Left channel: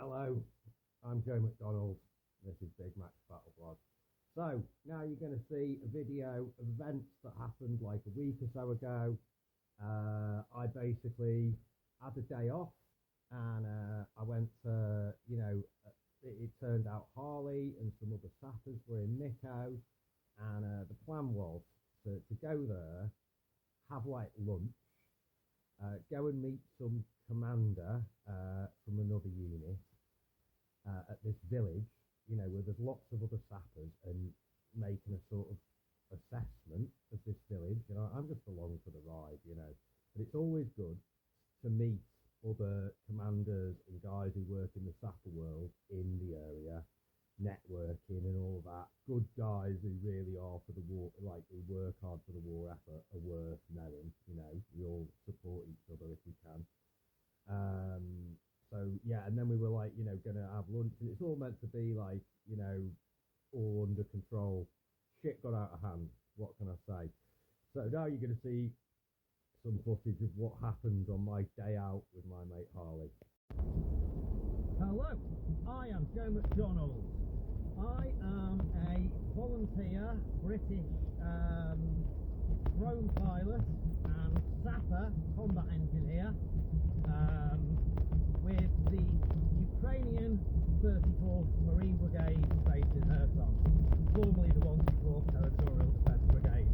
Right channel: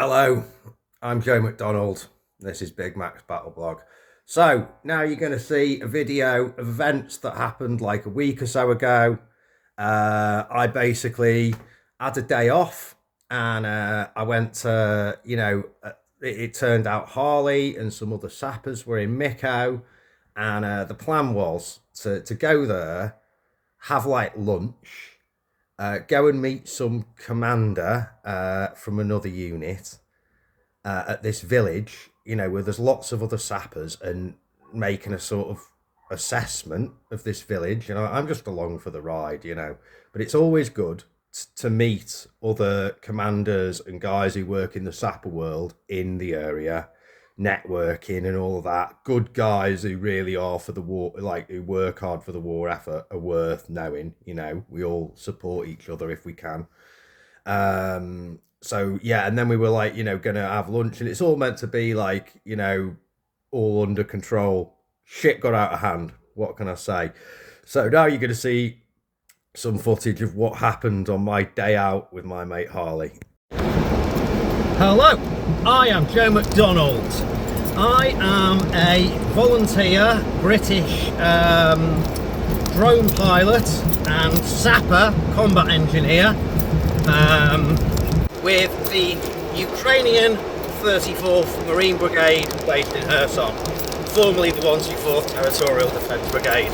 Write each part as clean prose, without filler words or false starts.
Hello, I'm Joe McDonald. This is Big Mac's Battle Blog. So now you're going to see a video of events that happened like a week or so ago. I basically had a day off and I went to, it turned out Harley and some other sappers were in Miko. And the plan was to go there, have like lunch, go and meet some commander from another unit at this village, where there's lots of other sappers and making a sort of assessment of this village. I'm just along for the ride, but it's always good to meet other commanders and guys who work in the sapper world in the area, networking and all of that. Good guys who really are for the war, like who work hard for the war effort, are worth knowing. We all support each other if we can. So yeah, and then we were like, gonna have lunch, and it's all meant to be like, all under control. Shit got out of hand. What can I say? So now you're gonna see some footage of what happened on my day out with my mate Harley. Hello, I am Joe McDonald. I am a volunteer British drone pilot and sapper combat engineer with the Ukrainian 34th Marine Brigade based in Kherson, formerly the 124th Territorial Defence Brigade.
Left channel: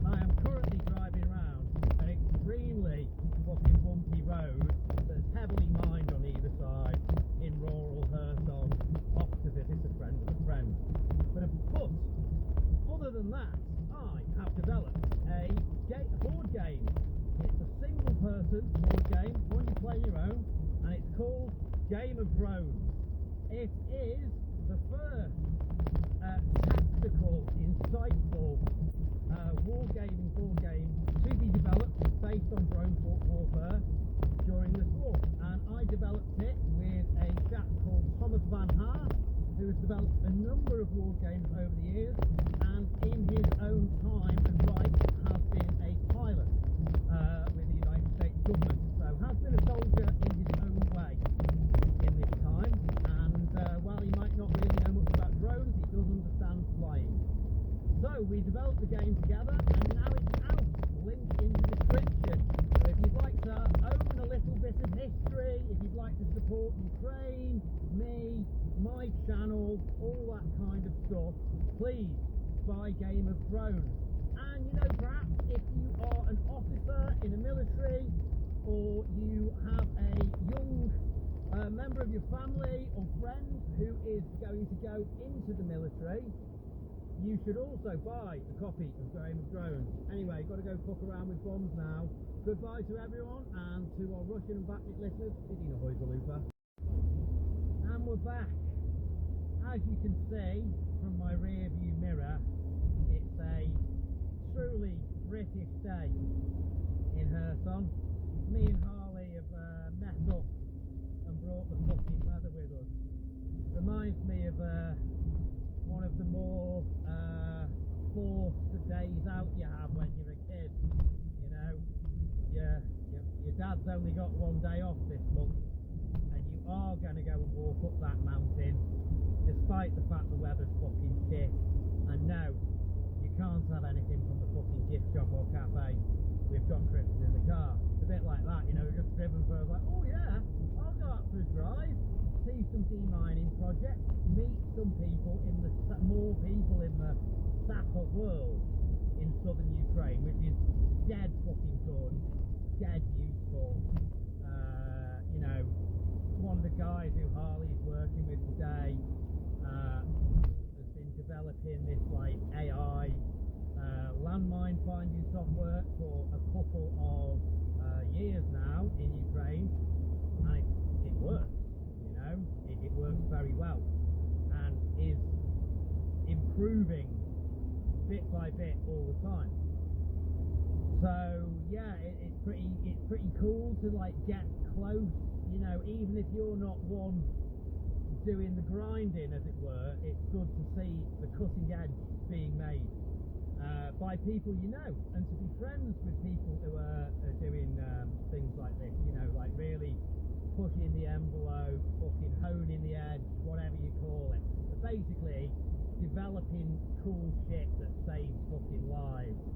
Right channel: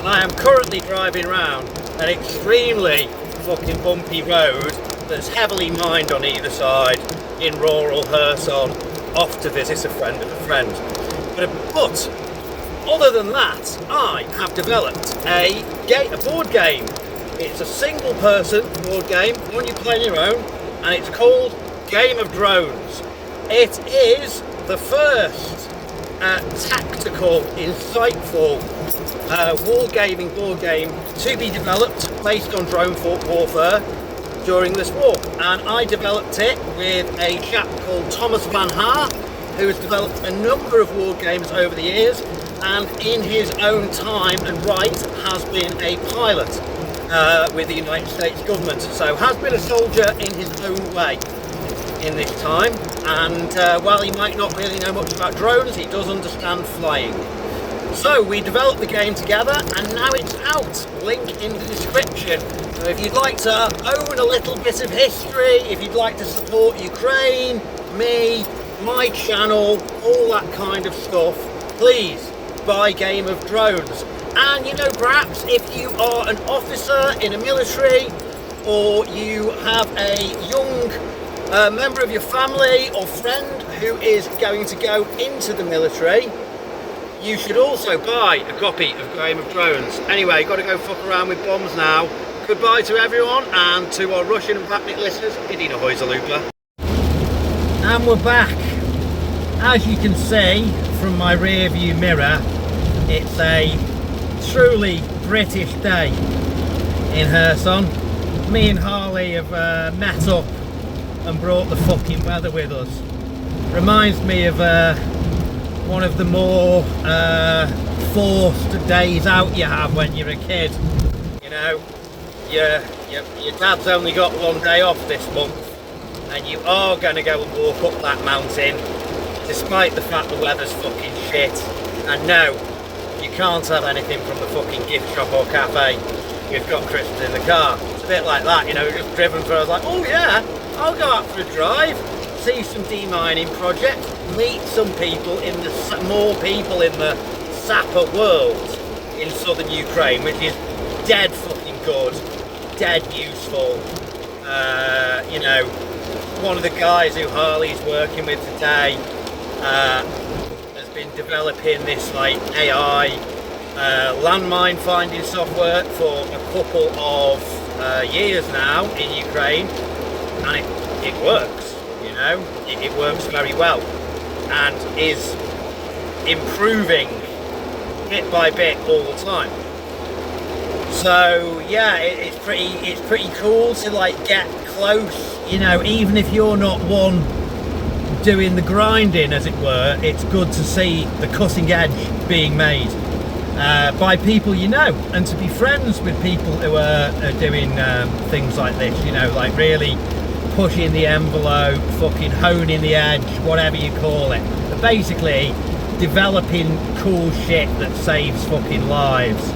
And I am currently driving around an extremely fucking bumpy road that's heavily mined on either side in rural Kherson, off to visit a friend of a friend. But other than that, I have developed a board game. It's a single person board game, one you play on your own, and it's called Game of Drones. It is the first tactical, insightful wargaming board game to be developed based on drone warfare during this war, and I developed it with a chap called Thomas Van Haar, who has developed a number of war games over the years, and in his own time and right has been a pilot with the United States government, so has been a soldier in his own way in this time, and while he might not really know much about drones, he does understand flying. So we developed the game together, and now it's out. Link in the description. So if you'd like to own a little bit of history, if you'd like to support Ukraine, me, my channel, all that kind of stuff, please buy Game of Drones. And perhaps if you are an officer in a military, or you have a young member of your family or friend who is going to go into the military, you should also buy a copy of Game of Drones. Anyway, got to go fuck around with bombs now. Goodbye to everyone, and to our Russian and Vatnik listeners, Idina Hoyzalupa. And we're back. As you can see from my rear view mirror, it's a truly British day in Kherson. Me and Harley have met up and brought the fucking weather with us. Reminds me of one of the more forced days out you have when you're a kid. Your dad's only got one day off this month, and you are going to go and walk up that mountain despite the fact the weather's fucking shit. And no, you can't have anything from the fucking gift shop or cafe. You've got crisps in the car. It's a bit like that, just driven through. I was like, oh yeah, I'll go out for a drive, see some demining projects, meet some people more people in the sapper world in southern Ukraine, which is dead fucking good, dead useful. One of the guys who Harley's working with today has been developing this like AI landmine finding software for a couple of years now in Ukraine, and it works. It works very well and is improving bit by bit all the time. So yeah, it's pretty cool to like get close. Even if you're not one doing the grinding, as it were, it's good to see the cutting edge being made by people and to be friends with people who are doing things like this. Like really pushing the envelope, fucking honing the edge, whatever you call it. But basically, developing cool shit that saves fucking lives.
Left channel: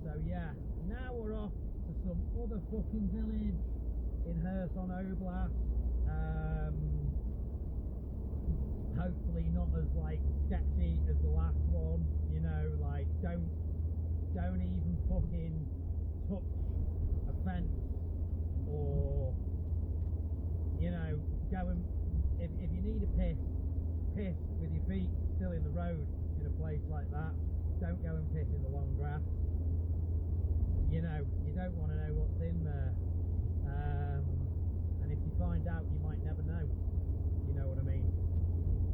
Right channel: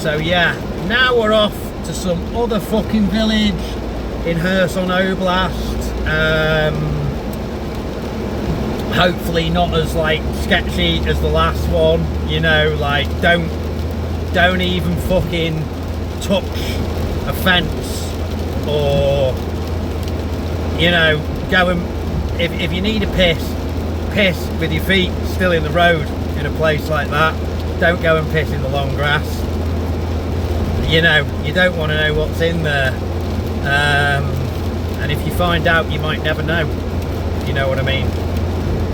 So yeah, now we're off to some other fucking village in Kherson Oblast. Hopefully not as like sketchy as the last one, you know, like don't even fucking touch a fence, or, you know, go and if you need a piss with your feet still in the road in a place like that. Don't go and piss in the long grass. You know, you don't want to know what's in there, and if you find out, you might never know, if you know what I mean.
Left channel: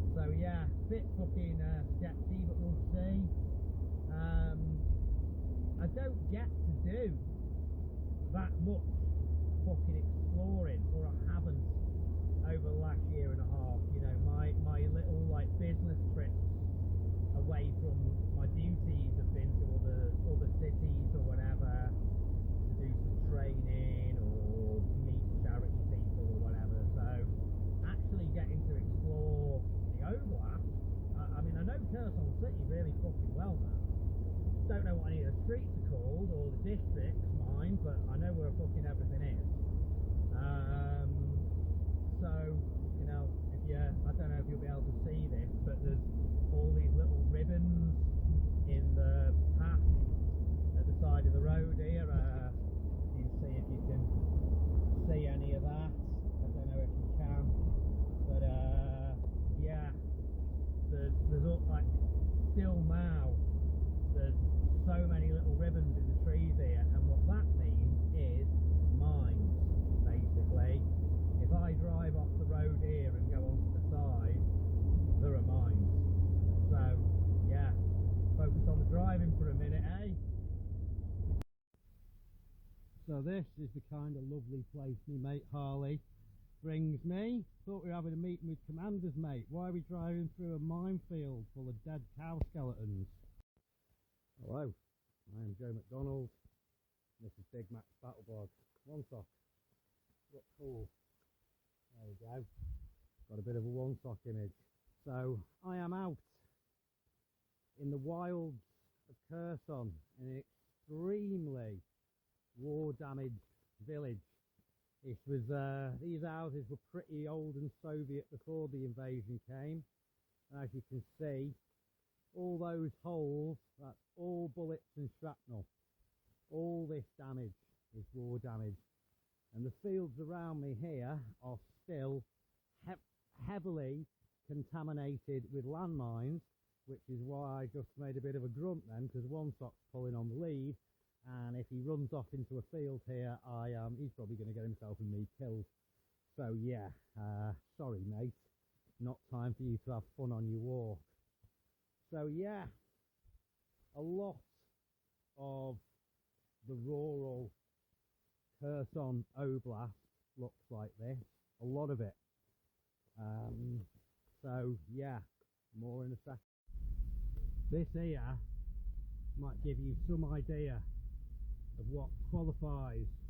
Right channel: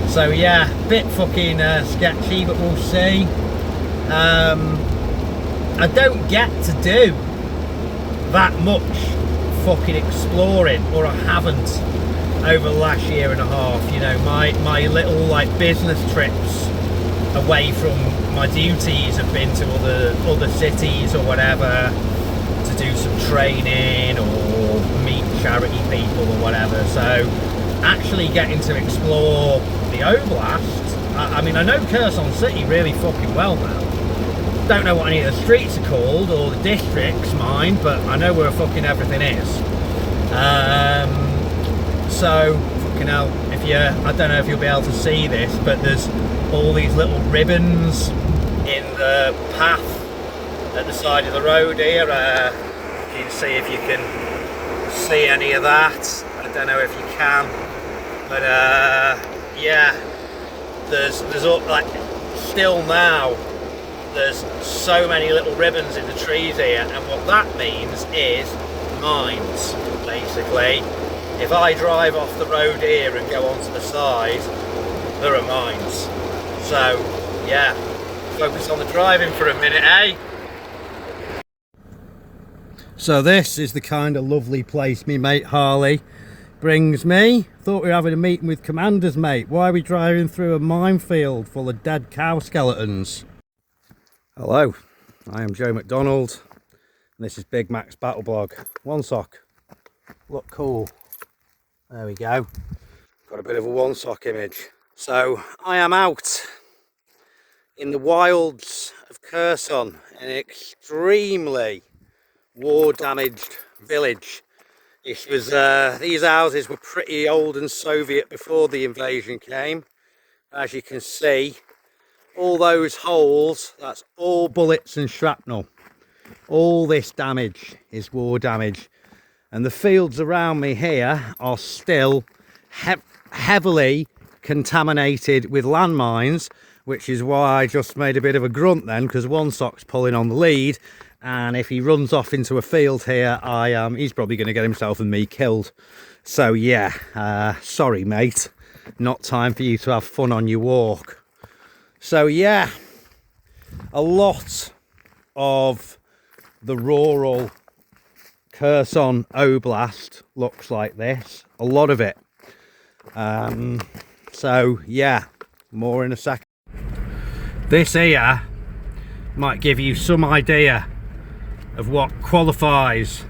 So yeah, bit fucking sketchy, but we'll see. I don't get to do that much fucking exploring, or I haven't over the last year and a half. You know, my little like business trips away from my duties have been to other cities or whatever, to do some training or meet charity people or whatever. So actually getting to explore the Oblast, I mean, I know Kherson City really fucking well now. Don't know what any of the streets are called or the districts, mind, but I know where fucking everything is. So fucking hell, I don't know if you'll be able to see this, but there's all these little ribbons in the path at the side of the road here. You can see if you can see any of that. I don't know if you can, but yeah, there's like still now there's so many little ribbons in the trees here, and what that means is mines, basically. If I drive off the road here and go onto the side, there are mines. So yeah, focus on the driving for a minute, eh? So this is the kind of lovely place me mate Harley brings me. Thought we were having a meeting with commanders, mate. Why are we driving through a minefield full of dead cow skeletons? Hello, I am Joe McDonald, and this is Big Mac's Battle Blog. One sock. Look cool. There we go. Got a bit of a one sock image. So I am out in the wilds of Kherson, an extremely war damaged village. It was these houses were pretty old and Soviet before the invasion came. As you can see, all those holes, that's all bullets and shrapnel. All this damage is war damage, and the fields around me here are still heavily contaminated with landmines, which is why I just made a bit of a grunt then, because one sock's pulling on the lead, and if he runs off into a field here, he's probably going to get himself and me killed. So yeah, sorry mate, not time for you to have fun on your walk. So yeah, a lot of the rural Kherson Oblast looks like this, a lot of it. So yeah, more in a second. This here might give you some idea of what qualifies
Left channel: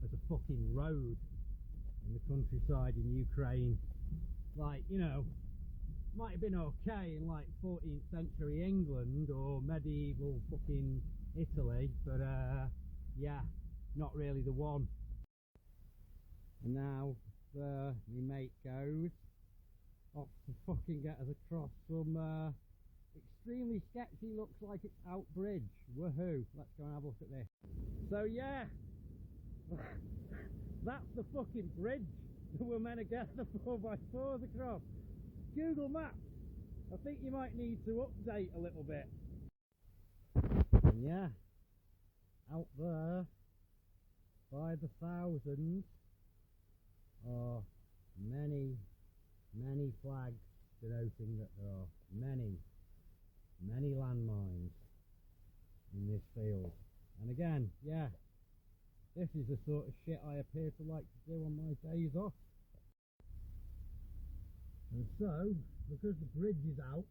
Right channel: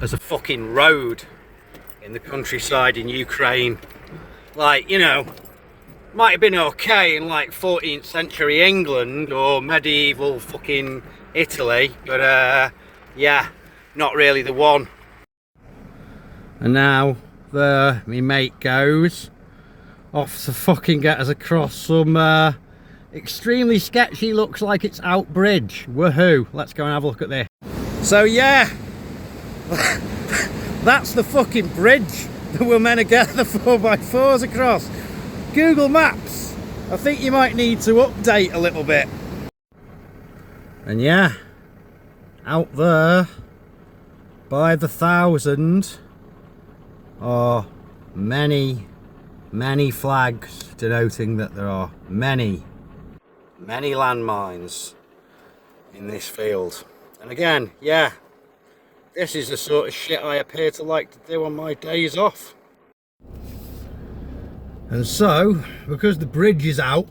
as a fucking road in the countryside in Ukraine. Like, you know, might have been okay in like 14th century England or medieval fucking Italy, but yeah, not really the one. And now there me mate goes off to fucking get us across some extremely sketchy, looks like it's out bridge. Woohoo, let's go and have a look at this. So yeah, that's the fucking bridge that we're meant to get the 4x4s across. Google Maps, I think you might need to update a little bit. And yeah, out there by the thousand are many flags denoting that there are many landmines in this field. And again, yeah, this is the sort of shit I appear to like to do on my days off. And so, because the bridge is out,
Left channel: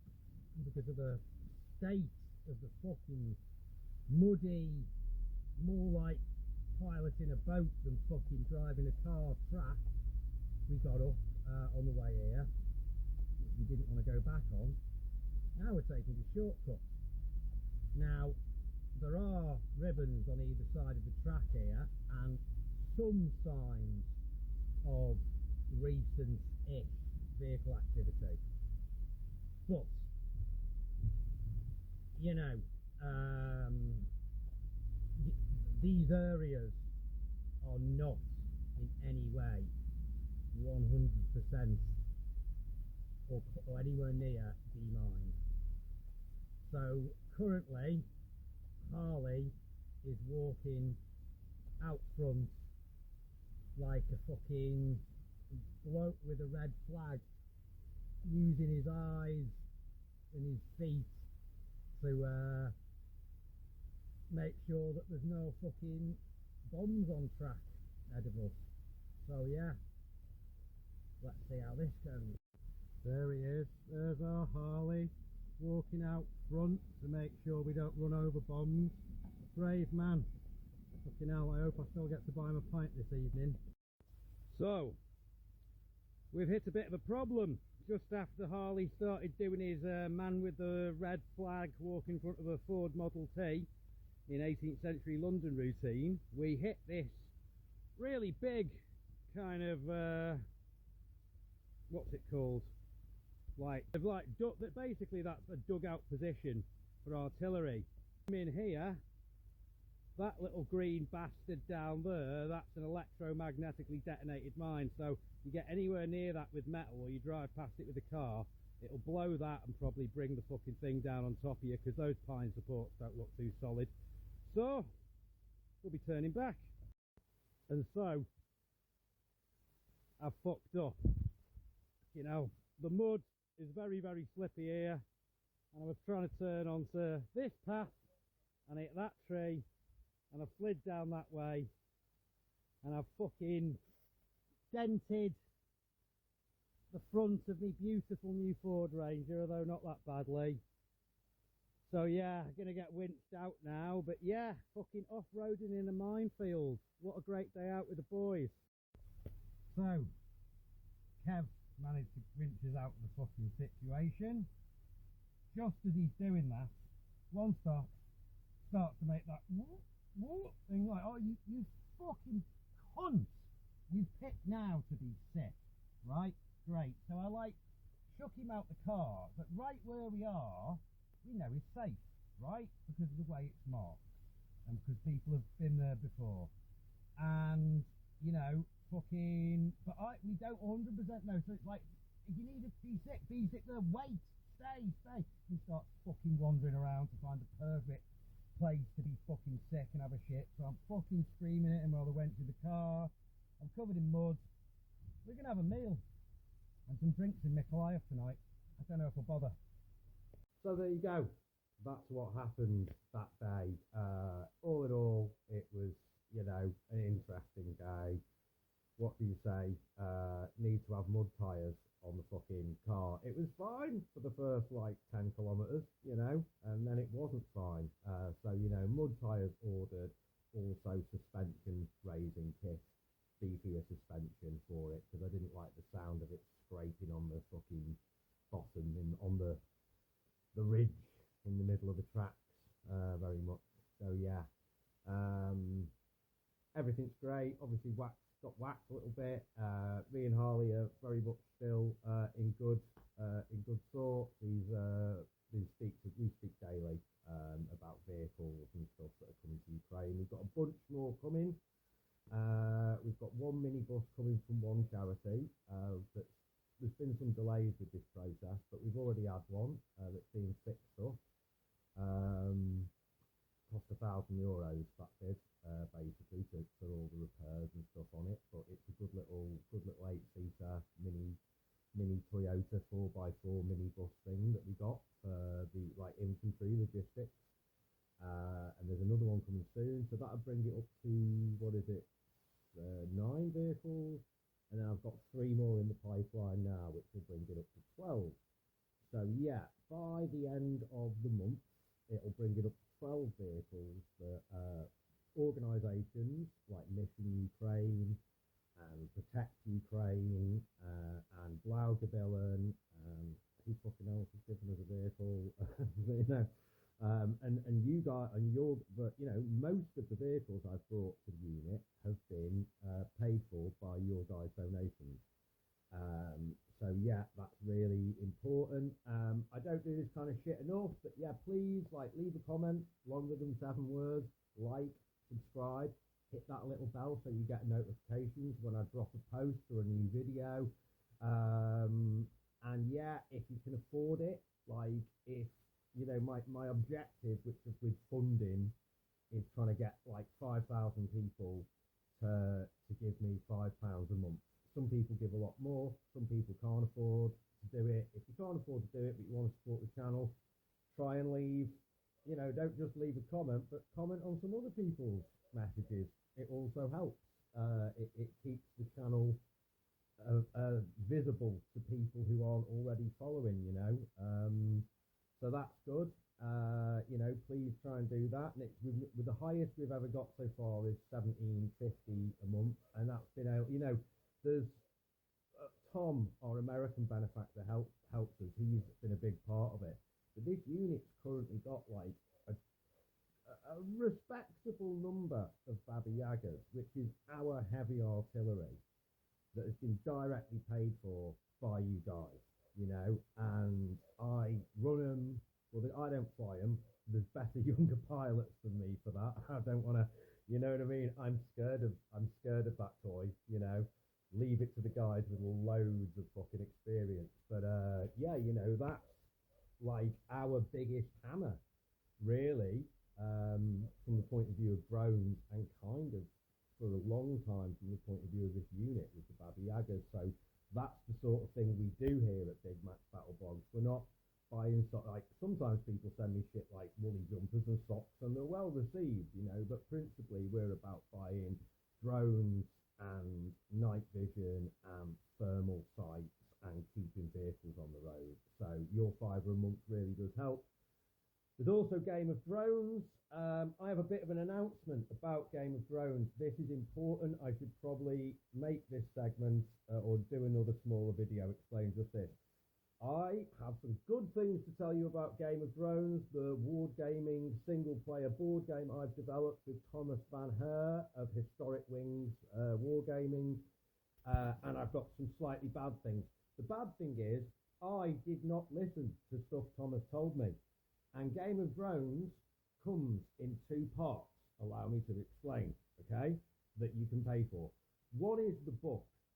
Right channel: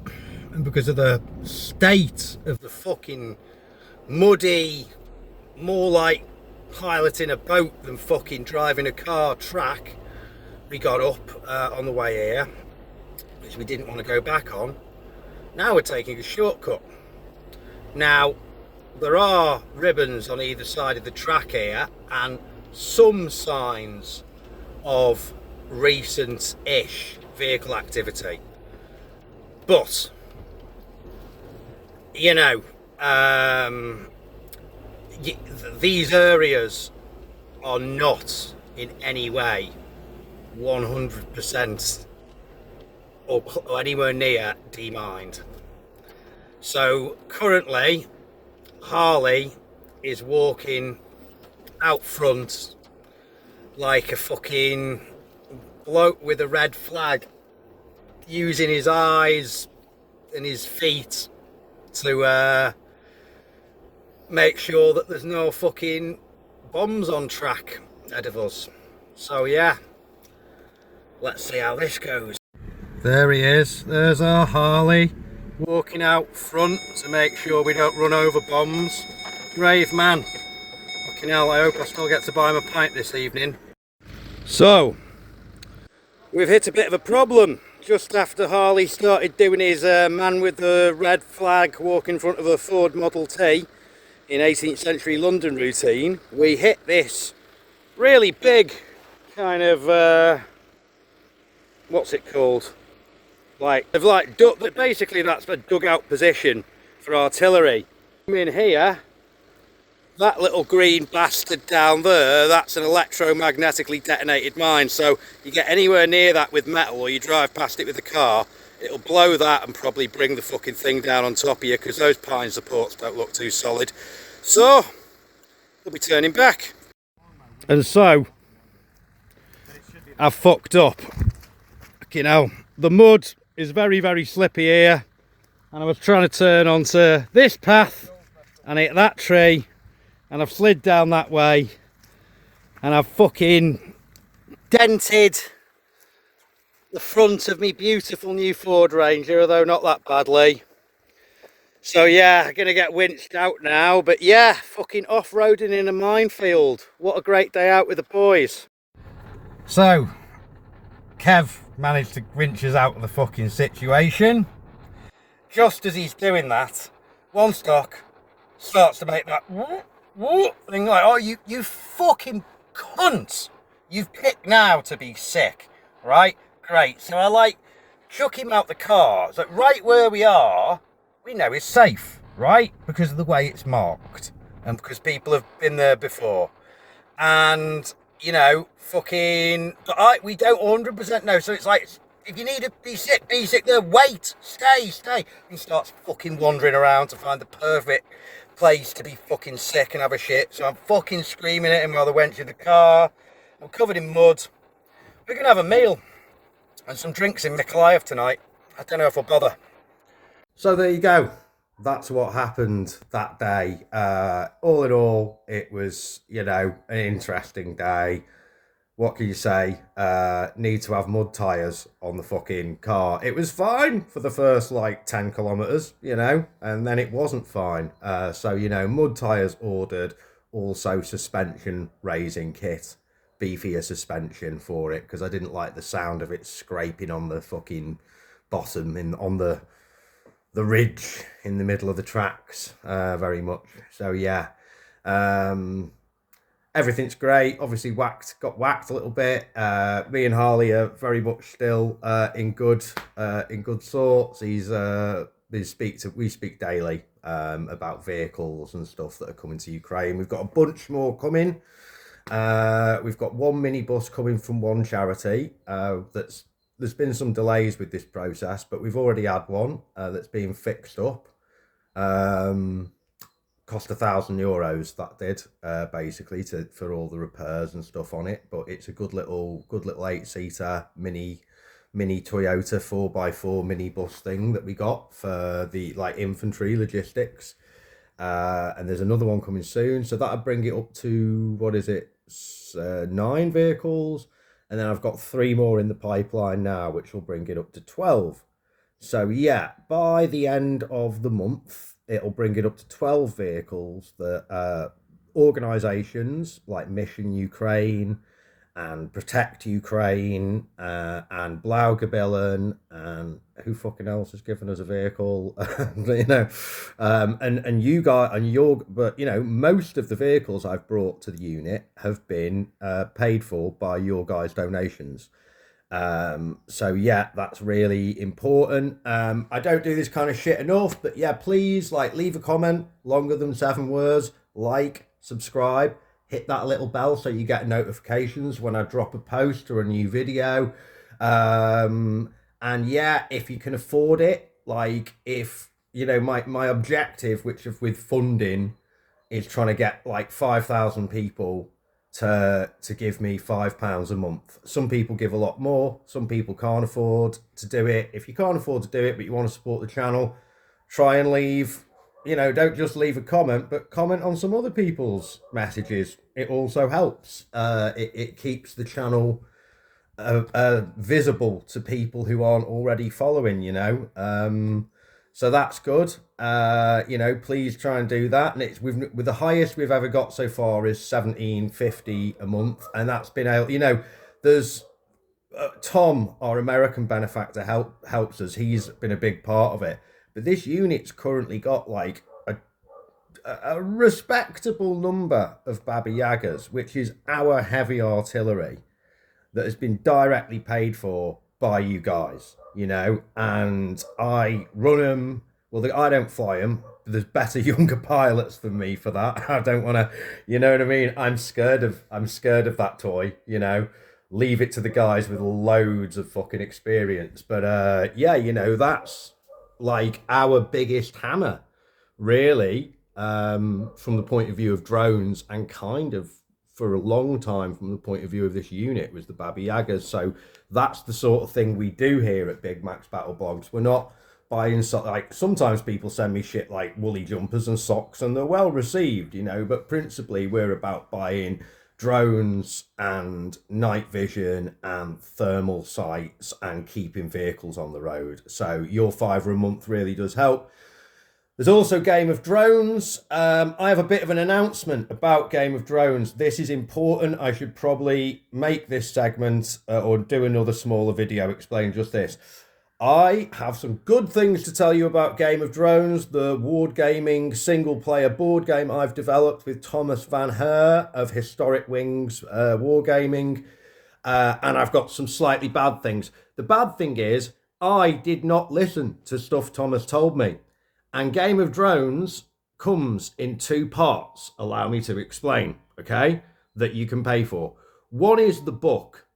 and because of the state of the fucking muddy, more like piloting a boat than fucking driving a car track. We got up on the way here, which we didn't want to go back on. Now we're taking a shortcut. Now, there are ribbons on either side of the track here and some signs of recent-ish vehicle activity. But, you know, these areas are not in any way 100% or anywhere near demined. So currently Harley is walking out front like a fucking bloke with a red flag, using his eyes and his feet to make sure that there's no fucking bombs on track ahead of us. So yeah, let's see how this goes. There he is, there's our Harley, walking out front to make sure we don't run over bombs. Brave man. Fucking hell, I hope I still get to buy him a pint this evening. So, we've hit a bit of a problem. Just after Harley started doing his man with the red flag walk in front of a Ford Model T in 18th century London routine, we hit this really big kind of, what's it called? Basically that's a dugout position for artillery. In here, that little green bastard down there, that's an electromagnetically detonated mine. So you get anywhere near that with metal or you drive past it with a car, it'll blow that and probably bring the fucking thing down on top of you, because those pine supports don't look too solid. So we'll be turning back. And so I've fucked up. You know, the mud is very, very slippy here, and I was trying to turn onto this path and hit that tree, and I've slid down that way and I've fucking dented the front of me beautiful new Ford Ranger, although not that badly. So yeah, I'm gonna get winched out now, but yeah, fucking off-roading in a minefield. What a great day out with the boys. So Kev managed to winch us out of the fucking situation. Just as he's doing that, one stock starts to make that thing like, oh, you fucking cunt. You've picked now to be sick, right? Great. So I like chuck him out the car. So right where we are, we know it's safe, right? Because of the way it's marked and because people have been there before. And, you know, fucking, but we don't 100% know. So it's like, if you need to be sick there, wait, stay. And he starts fucking wandering around to find the perfect place to be fucking sick and have a shit. So I'm fucking screaming at him while the wench in the car. I'm covered in mud. We're gonna have a meal and some drinks in Minefield tonight. I don't know if I'll bother. So there you go. That's what happened that day. All in all, it was, you know, an interesting day. What can you say? Need to have mud tyres on the fucking car. It was fine for the first like 10 kilometres, you know, and then it wasn't fine. So, you know, mud tyres ordered, also suspension raising kit, beefier suspension for it, because I didn't like the sound of it scraping on the fucking bottom on the ridge in the middle of the tracks very much. So yeah, everything's great. Obviously got whacked a little bit. Me and Harley are very much still in good sorts. We speak daily about vehicles and stuff that are coming to Ukraine. We've got a bunch more coming. We've got one minibus coming from one charity. There's been some delays with this process, but we've already had one that's being fixed up. Cost €1,000 that did, basically for all the repairs and stuff on it. But it's a good little 8-seater mini Toyota 4x4 minibus thing that we got for the like infantry logistics. And there's another one coming soon, so that'll bring it up to 9 vehicles. And then I've got 3 more in the pipeline now, which will bring it up to 12. So yeah, by the end of the month, it'll bring it up to 12 vehicles that organizations like Mission Ukraine and Protect Ukraine and Blaugebillen and who fucking else has given us a vehicle, and you guys and your, but most of the vehicles I've brought to the unit have been paid for by your guys' donations. So yeah, that's really important. I don't do this kind of shit enough, but yeah, please leave a comment longer than 7 words, subscribe, hit that little bell so you get notifications when I drop a post or a new video. And yeah, if you can afford it, if my objective, which is with funding, is trying to get 5,000 people to give me £5 a month. Some people give a lot more. Some people can't afford to do it. If you can't afford to do it, but you want to support the channel, try and leave. Don't just leave a comment, but comment on some other people's messages. It also helps. It keeps the channel visible to people who aren't already following. So that's good. Please try and do that. And it's with the highest we've ever got so far is $17.50 a month, and that's been out. There's Tom, our American benefactor, helps us. He's been a big part of it. But this unit's currently got a respectable number of Baba Yagas, which is our heavy artillery that has been directly paid for by you guys, and I run them. Well, I don't fly them. There's better younger pilots than me for that. I don't want to, you know what I mean? I'm scared of that toy, leave it to the guys with loads of fucking experience. But yeah, that's our biggest hammer, really, from the point of view of drones, and kind of for a long time from the point of view of this unit was the Baba Yagas. So that's the sort of thing we do here at Big Mac's Battle Blogs. We're not buying sometimes people send me shit like woolly jumpers and socks, and they're well received, but principally we're about buying drones and night vision and thermal sights and keeping vehicles on the road. So your £5 a month really does help. There's also Game of Drones. I have a bit of an announcement about Game of Drones. This is important. I should probably make this segment or do another smaller video explaining just this. I have some good things to tell you about Game of Drones, the wargaming single-player board game I've developed with Thomas Van Her of Historic Wings Wargaming. And I've got some slightly bad things. The bad thing is I did not listen to stuff Thomas told me. And Game of Drones comes in 2 parts, allow me to explain, okay, that you can pay for. One is the book.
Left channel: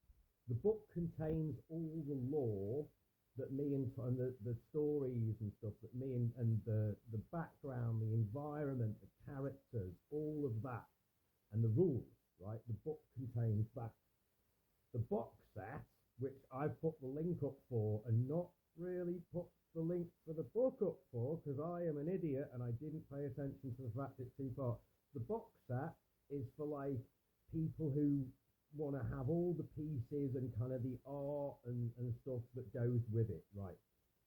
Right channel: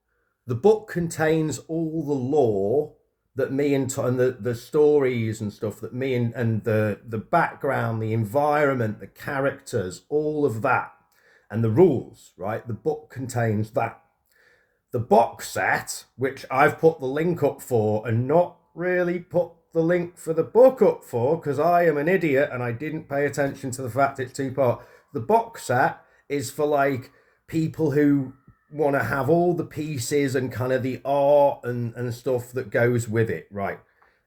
The book contains all the lore that me and the stories and stuff that me and the background, the environment, the characters, all of that, and the rules, right? The book contains that. The box set, which I've put the link up for and not really put the link for the book up for, because I am an idiot and I didn't pay attention to the fact it's 2-part. The box set is for people who want to have all the pieces and kind of the art and stuff that goes with it, right?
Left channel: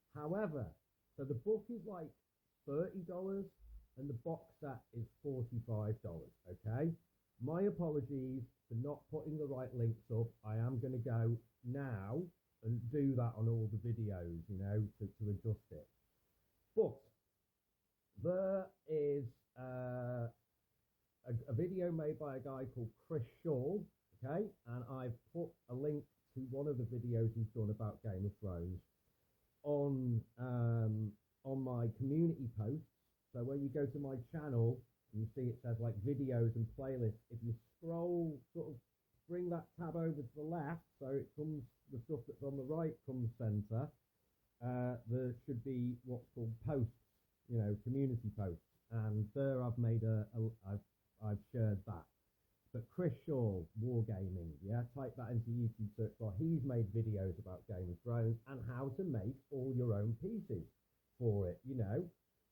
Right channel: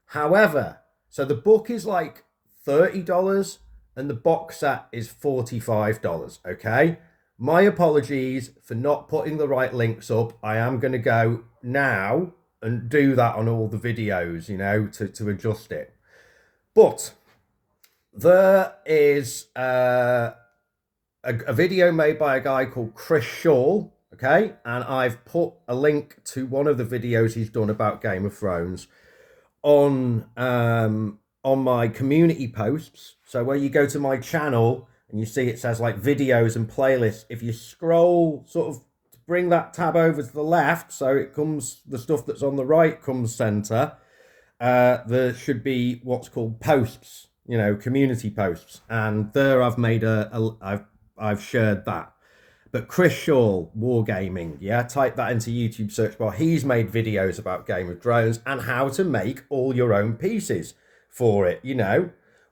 However, so the book is $30 and the box set is $45, okay? My apologies for not putting the right links up. I am going to go now and do that on all the videos, to adjust it. But there is a video made by a guy called Chris Shaw, okay? And I've put a link to one of the videos he's done about Game of Thrones on my community posts. So where you go to my channel and you see it says videos and playlists, if you scroll sort of bring that tab over to the left so it comes, the stuff that's on the right comes center, there should be what's called posts, community posts, and there I've made I've shared that. But Chris Shaw Wargaming, yeah, type that into YouTube search bar. He's made videos about Game of Drones and how to make all your own pieces for it,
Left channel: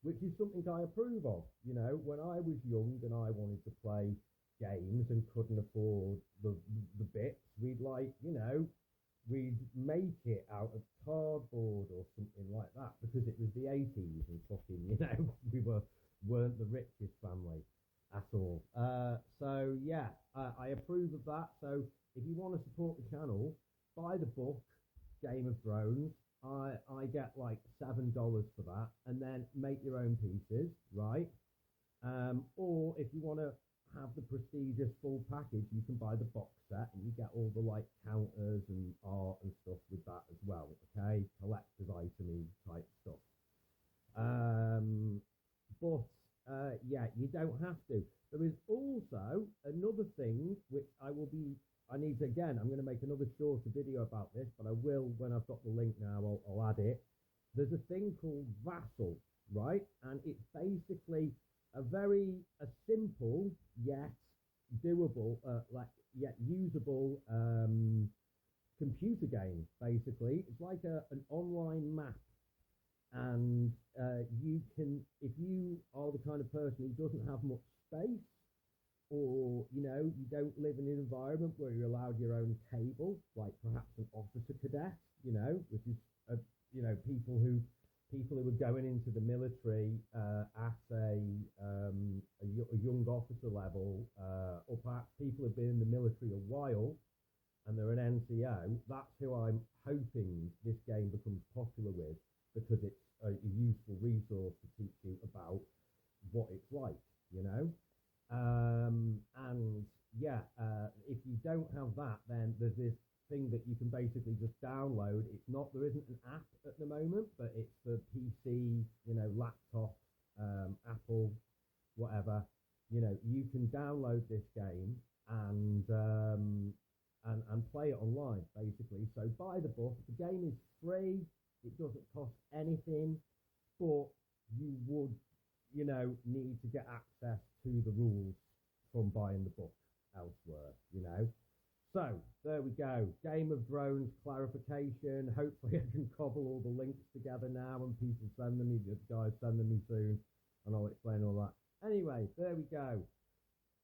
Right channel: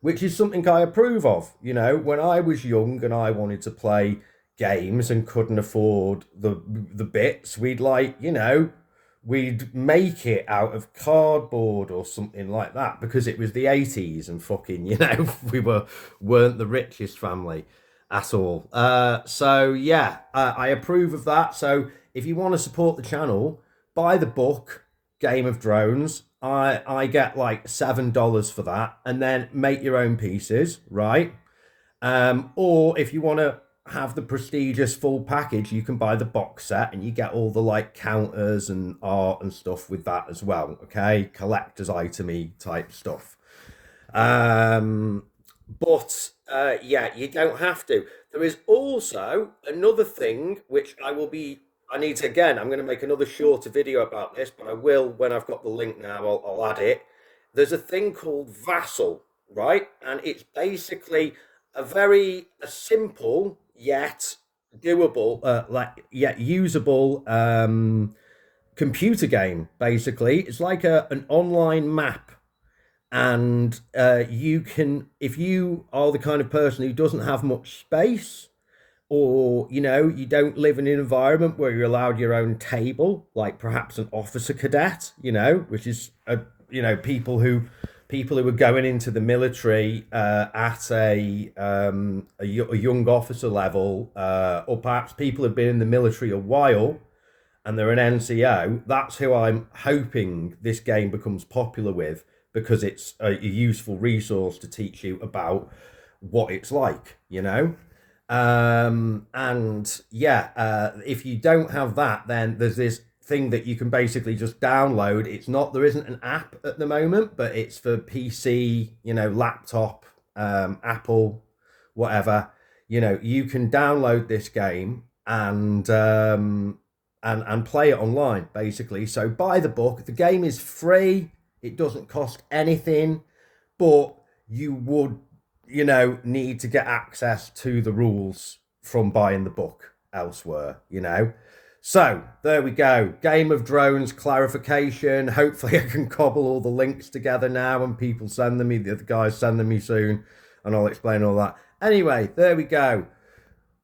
which is something I approve of. When I was young and I wanted to play games and couldn't afford the bits, we'd we'd make it out of cardboard or something like that, because it was the 80s and fucking we weren't the richest family. at all. So yeah, I approve of that. So if you want to support the channel, buy the book Game of Drones. I get like $7 for that, and then make your own pieces, right? Or if you want to have the prestigious full package, you can buy the box set, and you get all the like counters and art and stuff with that as well. Okay, collector's itemy type stuff. Um, but yeah, you don't have to. There is also another thing which I need to, again, I'm going to make another shorter video about this, but I will when I've got the link now, I'll add it. There's a thing called Vassal, right? And it's basically a simple yet doable, like yet usable computer game. Basically, it's like an online map, and you can, if you are the kind of person who doesn't have much space, or you don't live in an environment where you're allowed your own table, like perhaps an officer cadet, which is people who are going into the military at a young officer level, or perhaps people who've been in the military a while and they're an NCO. That's who I'm hoping this game becomes popular with, because it's a useful resource to teach you about what it's like, and yeah, if you don't have that, then there's this thing that you can basically just download. There isn't an app at the moment, but it's for PC, laptop, Apple, whatever. You can download this game and play it online, basically. So buy the book. The game is free. It doesn't cost anything, but you would, need to get access to the rules from buying the book elsewhere, So there we go. Game of Drones clarification. Hopefully I can cobble all the links together now, and people send them me, the other guys send them me soon, and I'll explain all that. Anyway, there we go.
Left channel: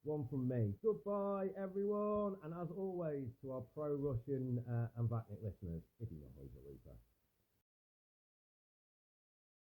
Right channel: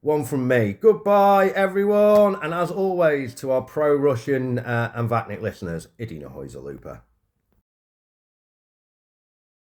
One from me. Goodbye, everyone. And as always, to our pro-Russian and Vatnik listeners, Idina Hojza Lupa.